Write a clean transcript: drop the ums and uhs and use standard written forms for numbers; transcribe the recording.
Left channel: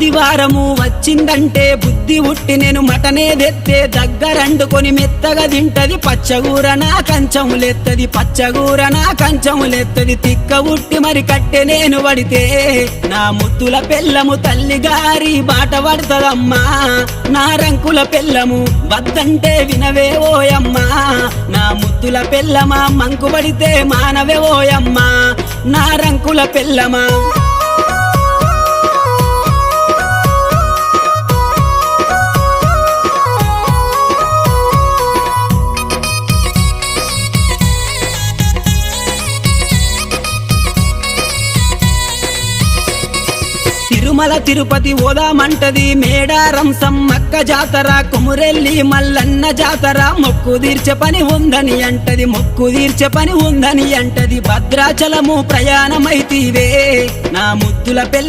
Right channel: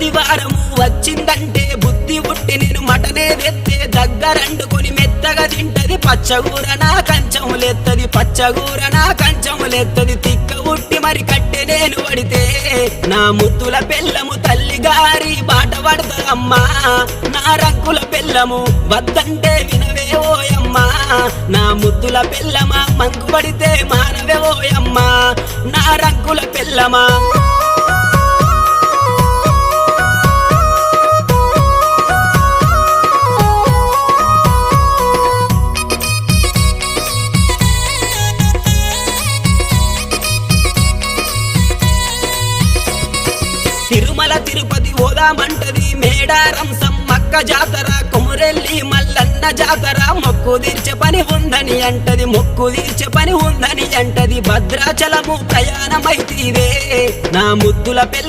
ఆదివారము వచ్చిందంటే బుద్ధి ఉట్టి నేను మటనే తెత్తే దగ్గరండుకొని మెత్తగా తింటది పచ్చగూర నా కంచములెత్తది పచ్చగూర నా కంచములెత్తది తిక్క ఉట్టి మరి కట్టె నేను పడితే నా ముద్దుల పెళ్ళము తల్లిగారి బాట పడతదమ్మా నా రంకుల పెళ్ళము వద్దంటే వినవే ఓయమ్మా నా ముద్దుల పెళ్ళమా మంకు పడితే మానవే ఓయమ్మా నా రంకుల పెళ్ళమా తిరుమల తిరుపతి ఓదామంటది మేడారం సమ్మక్క జాతర కొమురెల్లి మల్లన్న జాతర మొక్కు తీర్చే పని ఉందని అంటది మొక్కు తీర్చే పని ఉందని అంటది భద్రాచలము ప్రయాణమైతీవే నా ముద్దుల పెళ్ళ